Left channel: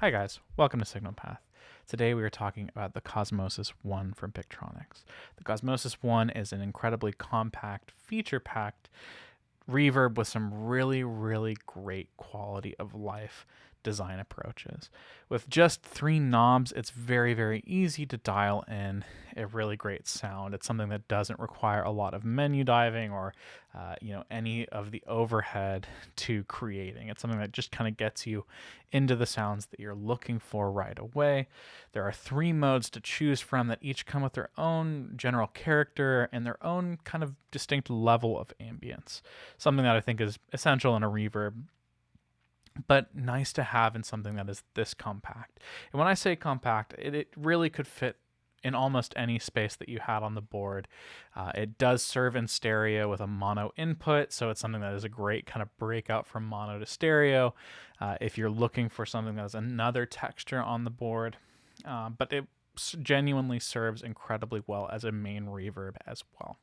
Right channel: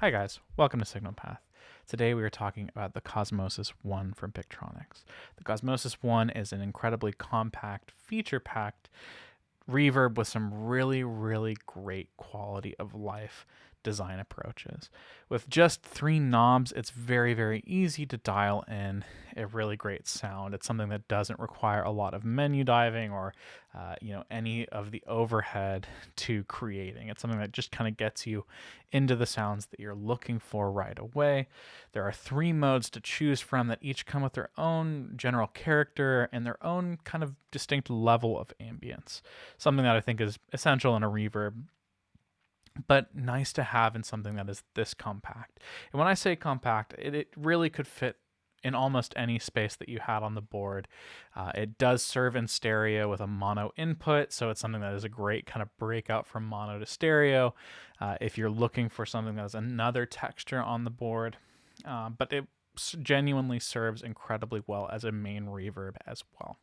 Hi guys, welcome to Signal Path. Today we are talking about the Cosmosis I from Pigtronix. The Cosmosis I is an incredibly compact, feature-packed reverb with some really great quality of life design approaches. With just 3 knobs, it's very easy to dial in a really great sound. It's something that doesn't require a lot of menu diving or any of the overhead to creating. It's something that just kind of gets you into the sounds that you're looking for right away. There are 3 modes to choose from that each come with their own general character and their own kind of distinct level of ambience. Something that I think is essential in a reverb, but nice to have in something that is this compact. And when I say compact, it really could fit in almost any space that you had on the board. It does serve in stereo with a mono input, so it's something that is a great kind of breakout from mono to stereo if you're looking for something that has another texture on the board. But it genuinely serves incredibly well as a main reverb as well.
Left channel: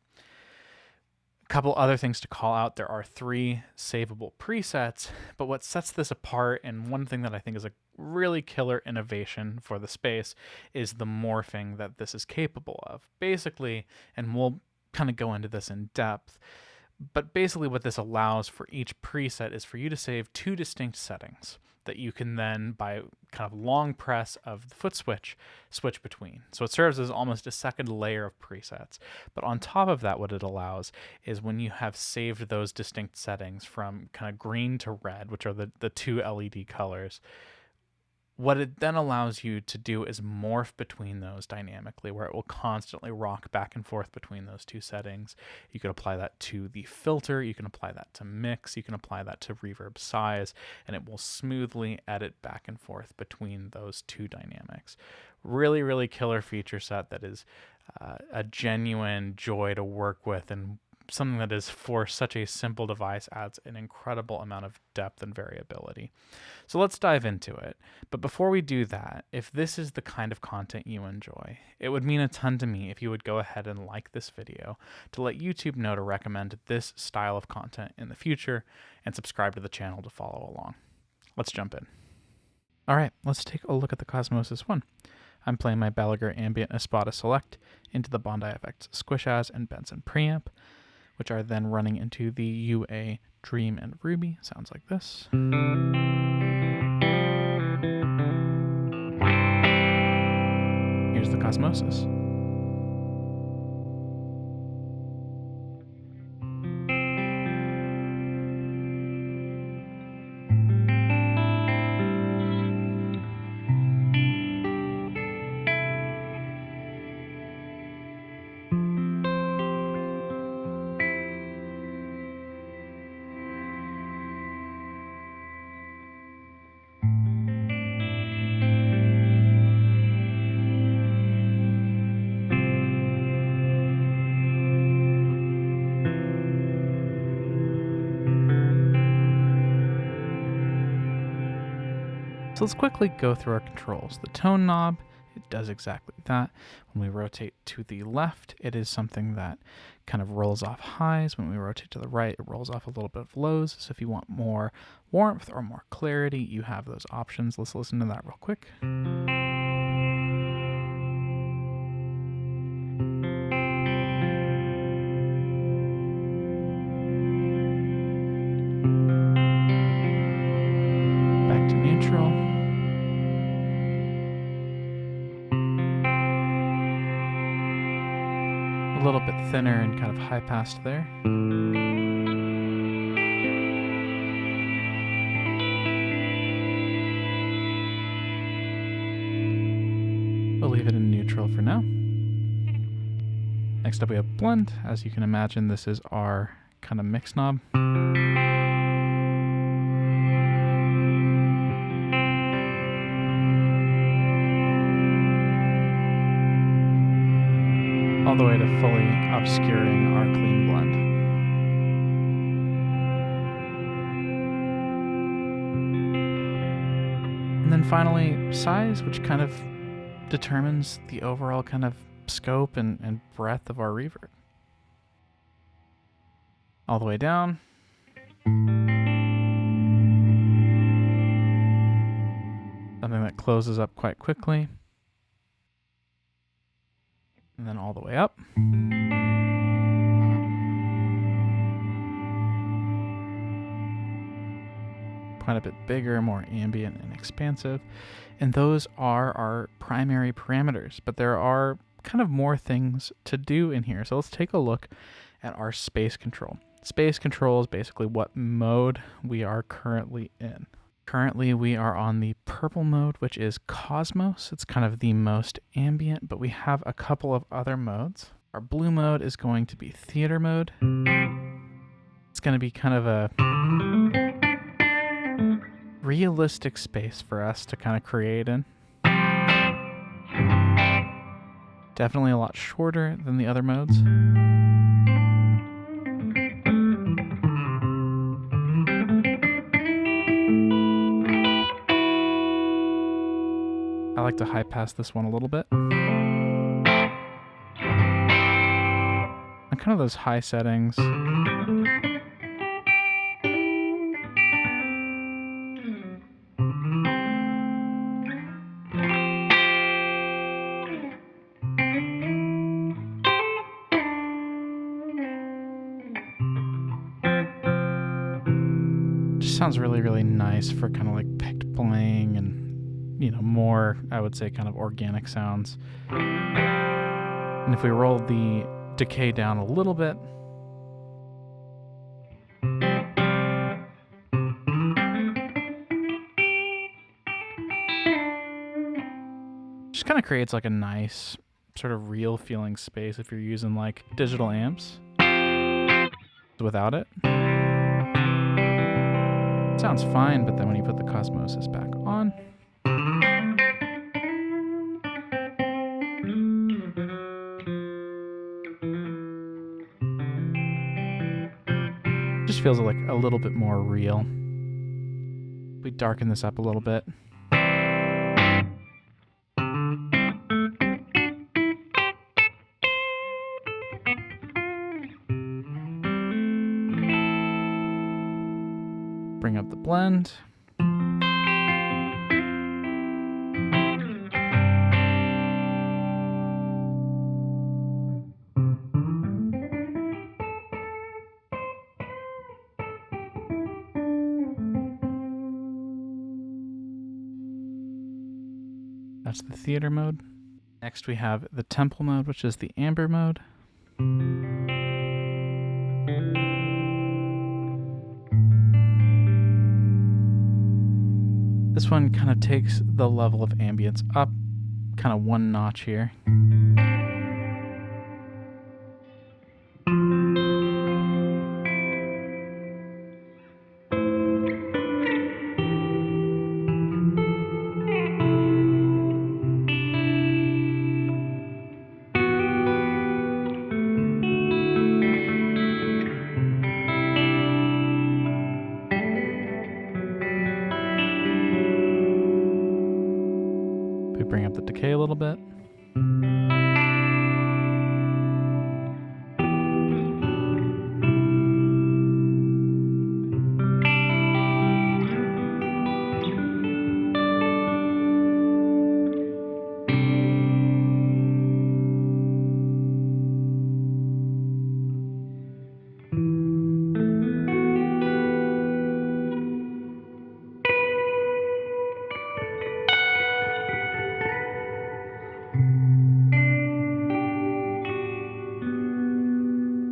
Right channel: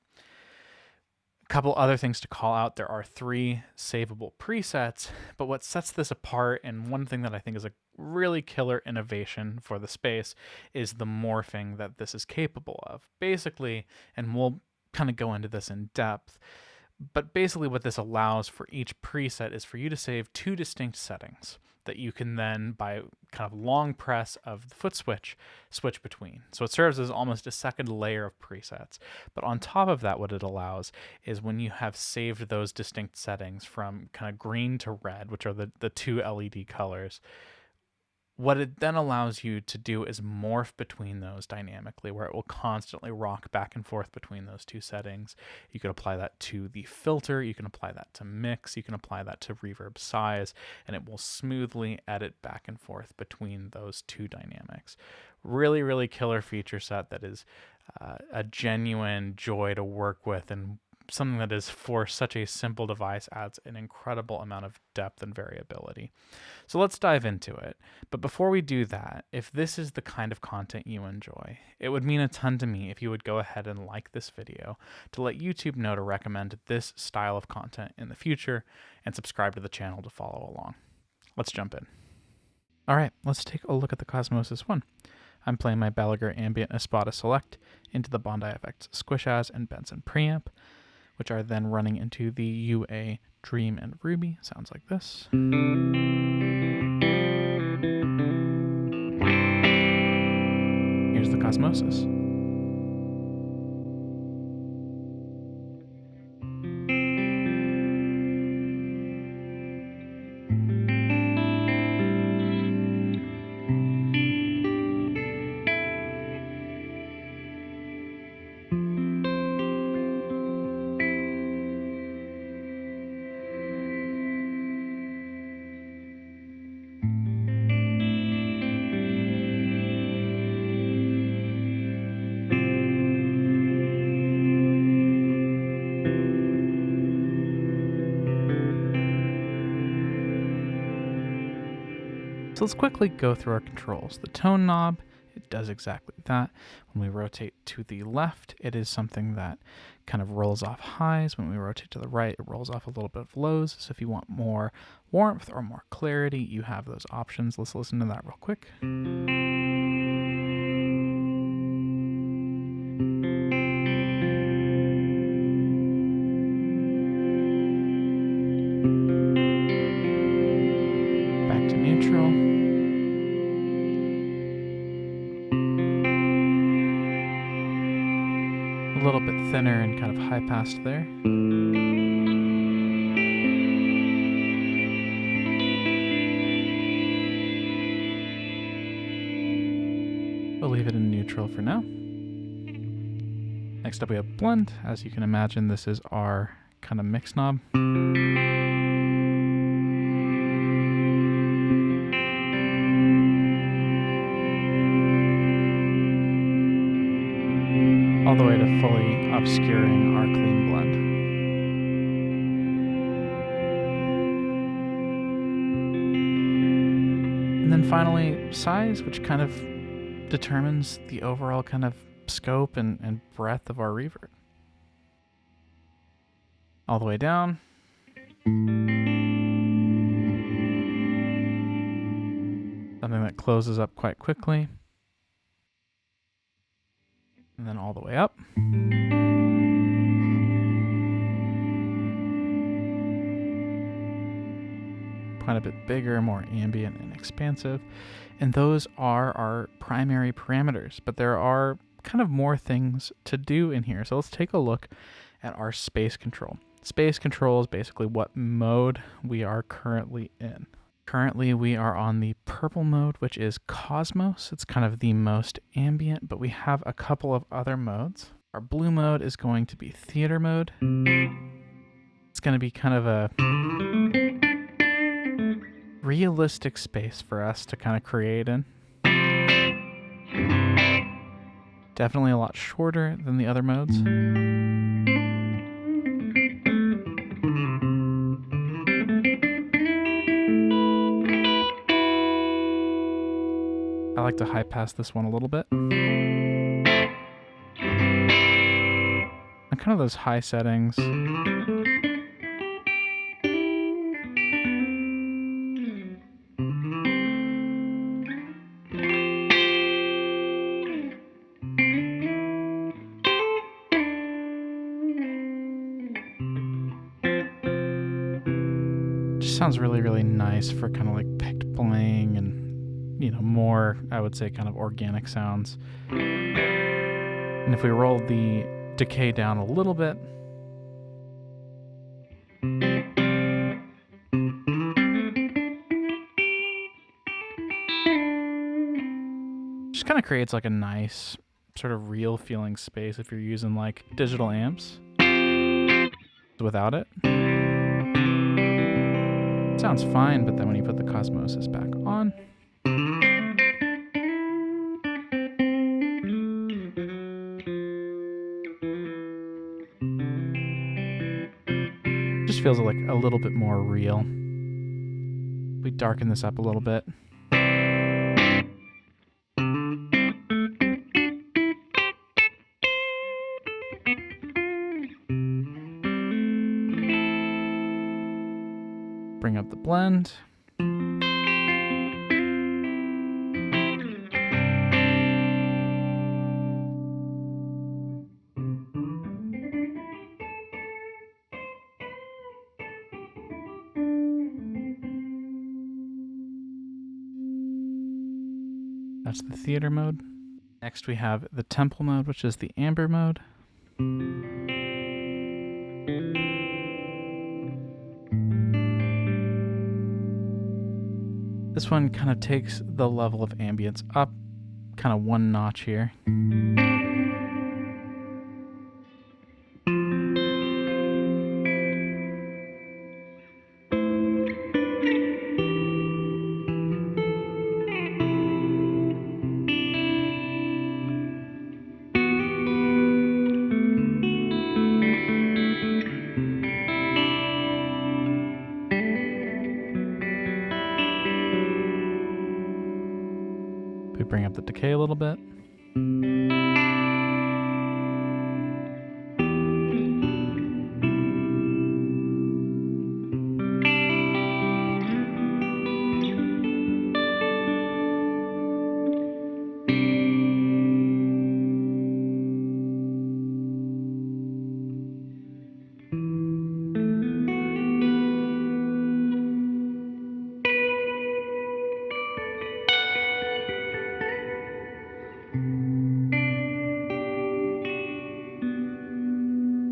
A couple other things to call out. There are 3 savable presets, but what sets this apart, and one thing that I think is a really killer innovation for the space, is the morphing that this is capable of. Basically, and we'll kind of go into this in depth, but basically what this allows for each preset is for you to save 2 distinct settings that you can then, by kind of long press of the foot switch between. So it serves as almost a second layer of presets. But on top of that, what it allows is when you have saved those distinct settings from kind of green to red, which are the 2 LED colors, what it then allows you to do is morph between those dynamically, where it will constantly rock back and forth between those 2 settings. You can apply that to the filter, you can apply that to mix, you can apply that to reverb size, and it will smoothly edit back and forth between those 2 dynamics. Really killer feature set that is a genuine joy to work with, and something that is, for such a simple device, adds an incredible amount of depth and variability. So let's dive into it. But before we do that, if this is the kind of content you enjoy, it would mean a ton to me if you would go ahead and like this video to let YouTube know to recommend this style of content in the future, and subscribe to the channel to follow along. Let's jump in. All right, let's take a look at the Cosmosis I. I'm playing my Balaguer Ambient Espada Select into the Bondi effects Squish and Benson Preamp, which are then running into the UA Dream and Ruby. Sounds like this. Here's the Cosmosis. So let's quickly go through our controls. The tone knob, it does exactly that. When we rotate to the left, it is something that kind of rolls off highs. When we rotate to the right, it rolls off a little bit of lows. So if you want more warmth or more clarity, you have those options. Let's listen to that real quick. Back to neutral. A little bit thinner and kind of high passed there. We'll leave it in neutral for now. Next up we have blend. As you can imagine, this is our kind of mix knob. All the way to fully obscuring our clean blend. And then finally, size, which kind of determines the overall kind of scope and breadth of our reverb. All the way down. The something that closes up quite quickly. And then all the way up. Quite a bit bigger, more ambient and expansive. And those are our primary parameters, but there are kind of more things to do in here. So let's take a look at our space control. Space control is basically what mode we are currently in. Currently, we are on the purple mode, which is Cosmos. It's kind of the most ambient, but we have a couple of other modes. Our blue mode is going to be theater mode. It's going to be kind of a realistic space for us to kind of create in. Definitely a lot shorter than the other modes. I like to high pass this one a little bit. And kind of those high settings. Just sounds really, really nice for kind of like picked playing and, you know, more, I would say, kind of organic sounds. And if we roll the decay down a little bit, just kind of creates like a nice sort of real feeling space if you're using like digital amps without it. Sounds fine, but then when you put the Cosmosis back on, just feels like a little bit more real. We darken this up a little bit. Bring up the blend. That's the theater mode. Next we have the temple mode, which is the amber mode. This one kind of takes the level of ambience up, kind of one notch here. We bring up the decay a little bit.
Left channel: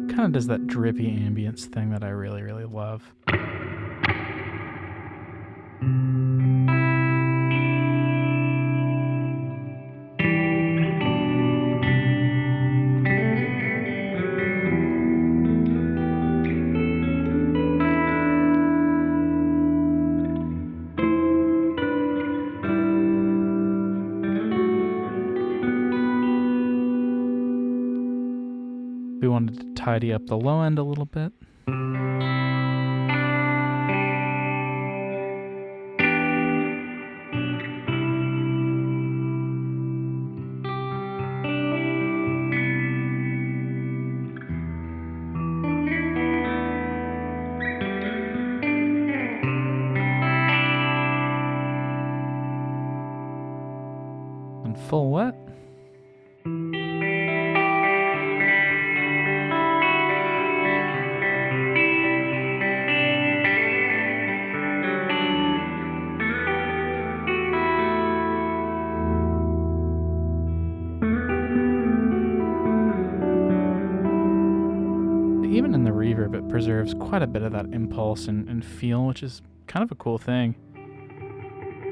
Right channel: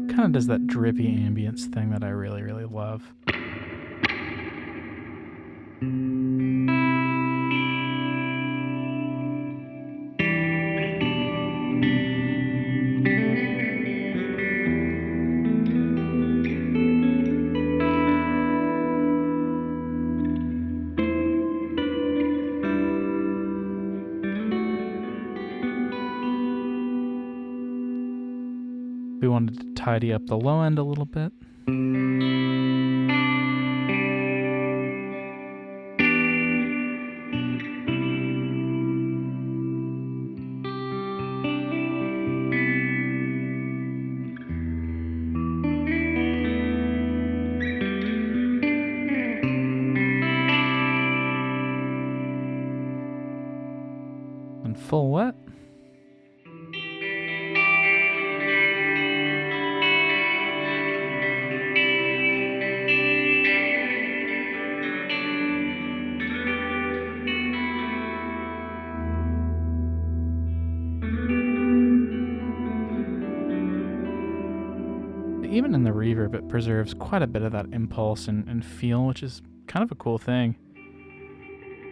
Kind of does that drippy ambience thing that I really, really love. We wanted to tidy up the low end a little bit. full wet. Even in the reverb, it preserves quite a bit of that impulse and feel, which is kind of a cool thing.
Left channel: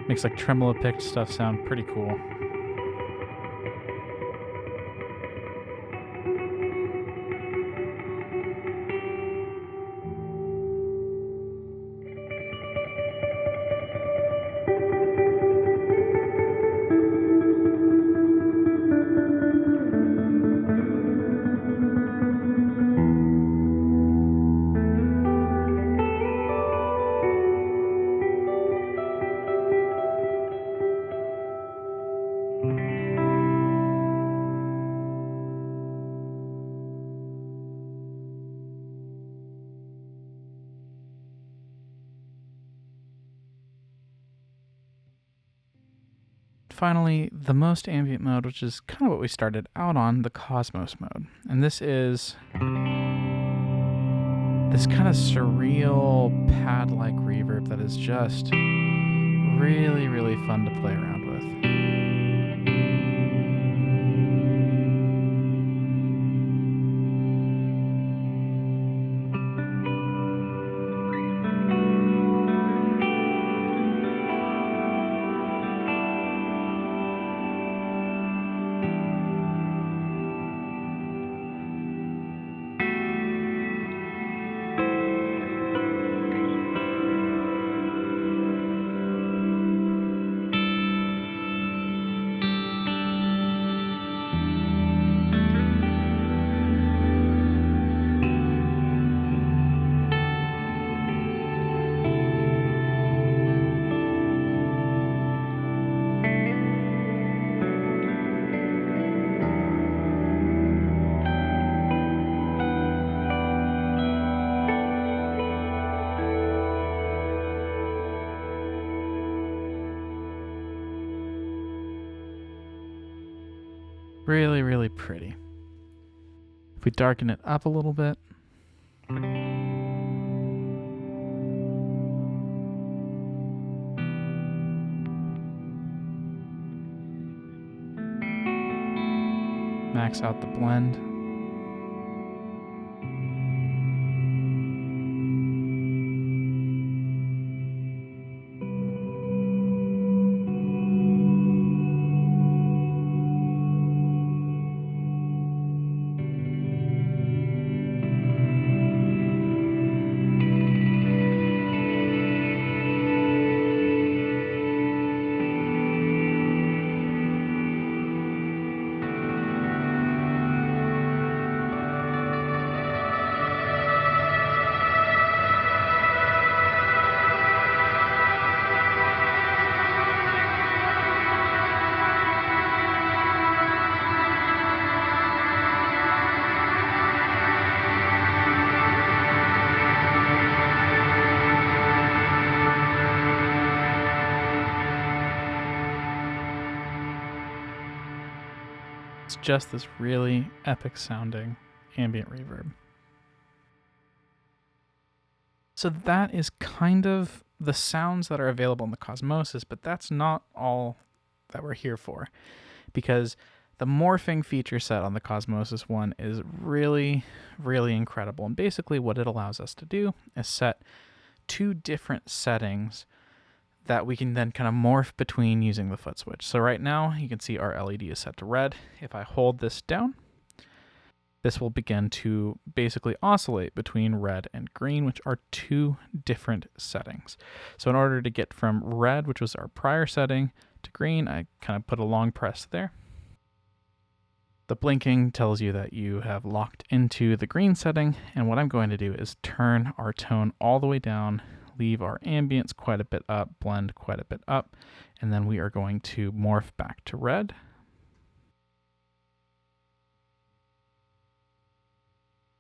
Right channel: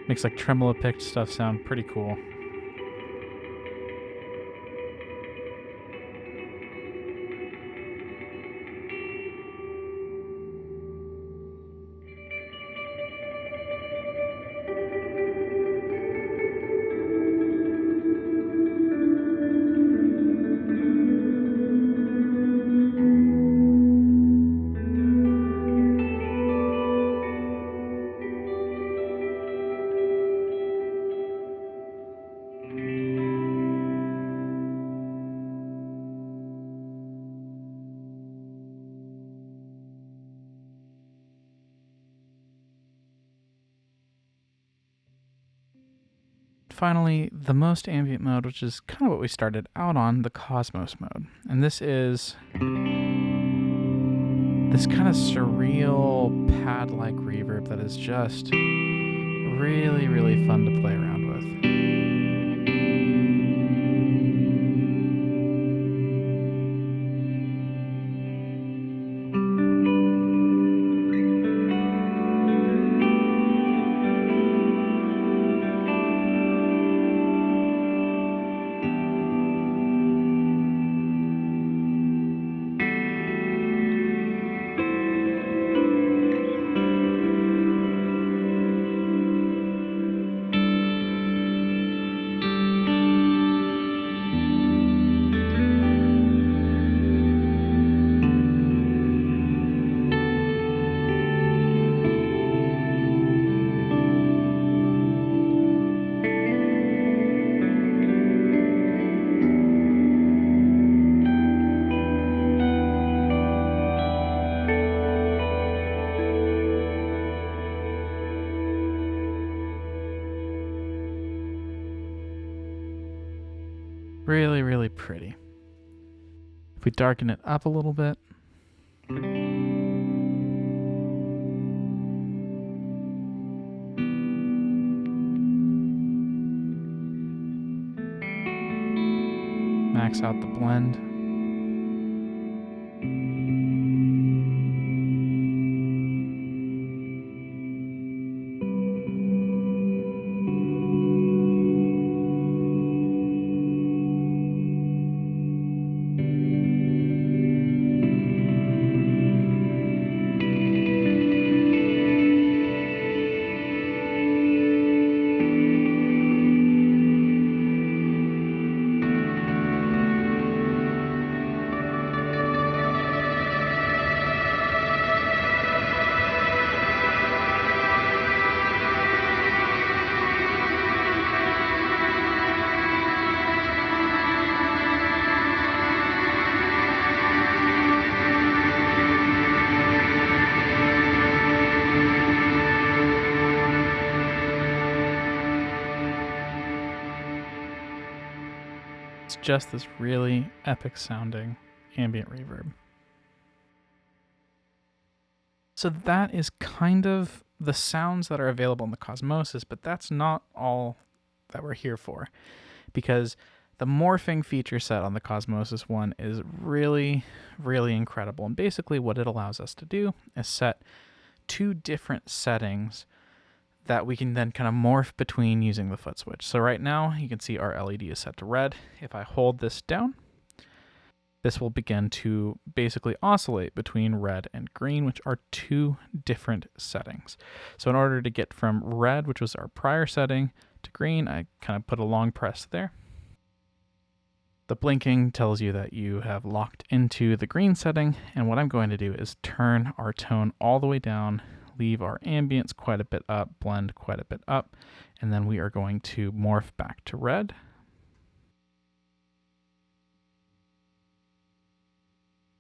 Makes like tremolo picked stuff sound pretty cool. Finally, the most ambient mode, which is kind of what we started out on, the Cosmos mode. And this is this kind of surreal pad-like reverb that is just really, really fun to play around with. Really, really pretty. If we darken it up a little bit. Max out the blend. It's just this really epic sounding ambient reverb. So that is kind of the sounds that are available in the Cosmosis, but that's not all that we're here for, because the morphing feature set on the Cosmosis I is really, really incredible. And basically what it allows us to do is set two different settings that we can then kind of morph between using the foot switch. So right now you can see our LED is set to red. If I hold this down, this will begin to basically oscillate between red and green, which are two different settings. So in order to get from red, which was our prior setting, to green, I kind of put a long press there. The blinking tells you that you have locked into the green setting, and what I'm going to do is turn our tone all the way down, leave our ambience quite a bit up, blend quite a bit up, and then we are going to morph back to red.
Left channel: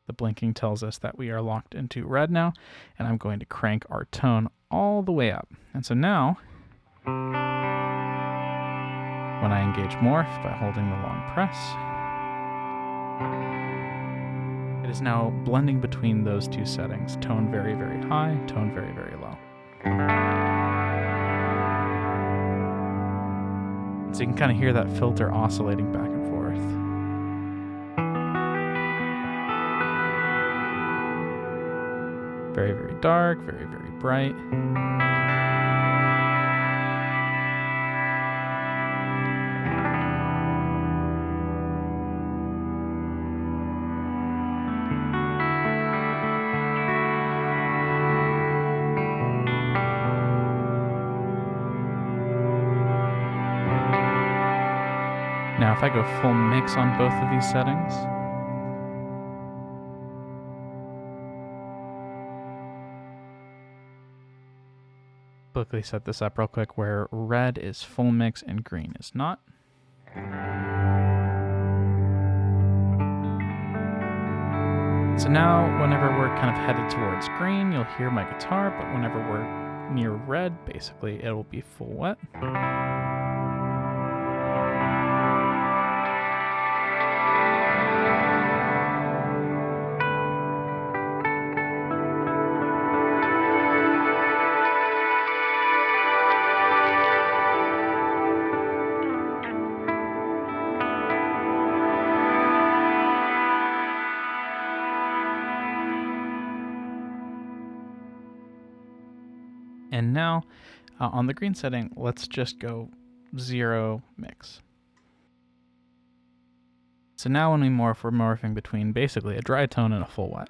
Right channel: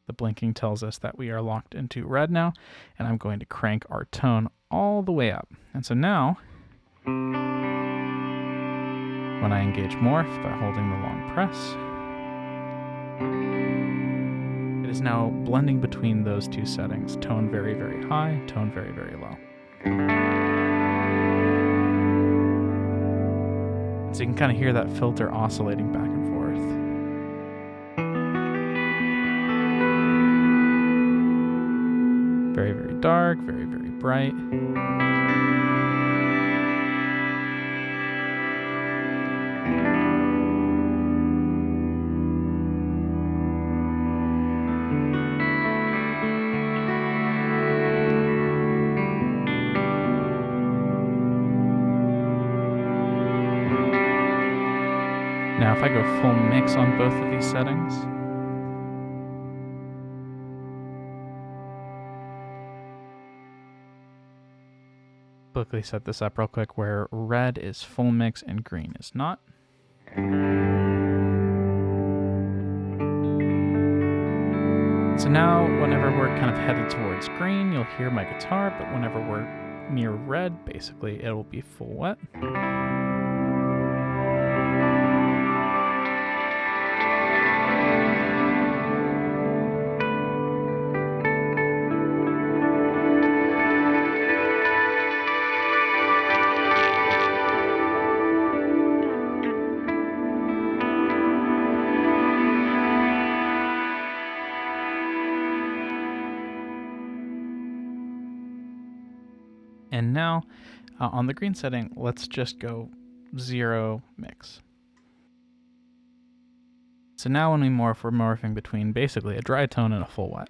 The blinking tells us that we are locked into red now, and I'm going to crank our tone all the way up. And so now, when I engage Morph by holding the long press. It is now blending between those two settings, tone very, very high, tone very, very low. And so you can kind of hear that filter oscillating back and forth. Very, very dark, very, very bright. Now if I go full mix on both of these settings, quickly set this up real quick where red is full mix and green is not. So now whenever we're kind of headed towards green, you'll hear my guitar, but whenever we're near red, basically it'll be full wet. And now on the green setting, let's just go 0 mix. So now when we morph, we're morphing between basically a dry tone and a full wet.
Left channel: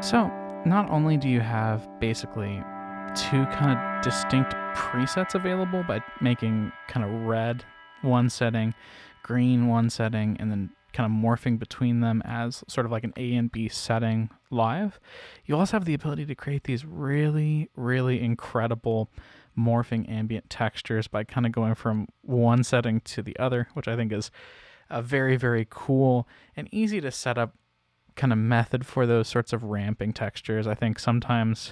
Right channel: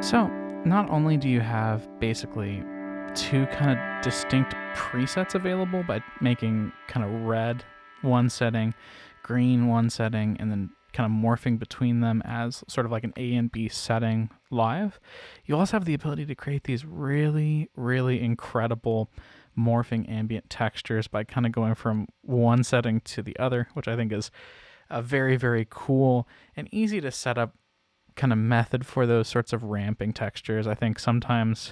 So not only do you have basically two kind of distinct presets available by making kind of red one setting, green one setting, and then kind of morphing between them as sort of like an A and B setting live, you also have the ability to create these really, really incredible morphing ambient textures by kind of going from one setting to the other, which I think is a very, very cool and easy to set up kind of method for those sorts of ramping textures. I think sometimes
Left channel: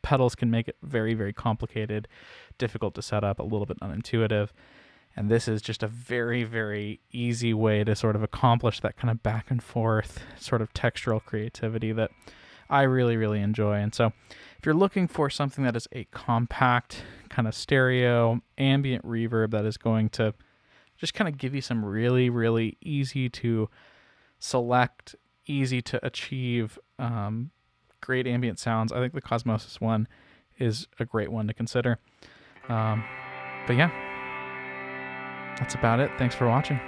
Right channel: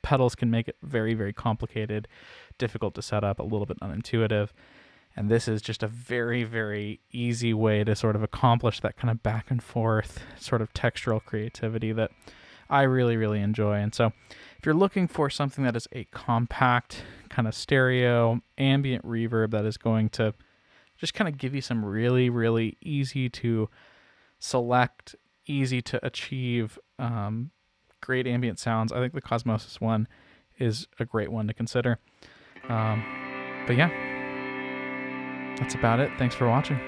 pedals can make it very, very complicated, difficult to set up, a little bit unintuitive. And this is just a very, very easy way to sort of accomplish that kind of back and forth sort of textural creativity that I really, really enjoy. And so if you're looking for something that is a compact kind of stereo ambient reverb that is going to just kind of give you some really, really easy to select, easy to achieve great ambient sounds, I think the Cosmosis I is a great one to consider. But yeah, that's about it. Thanks for watching.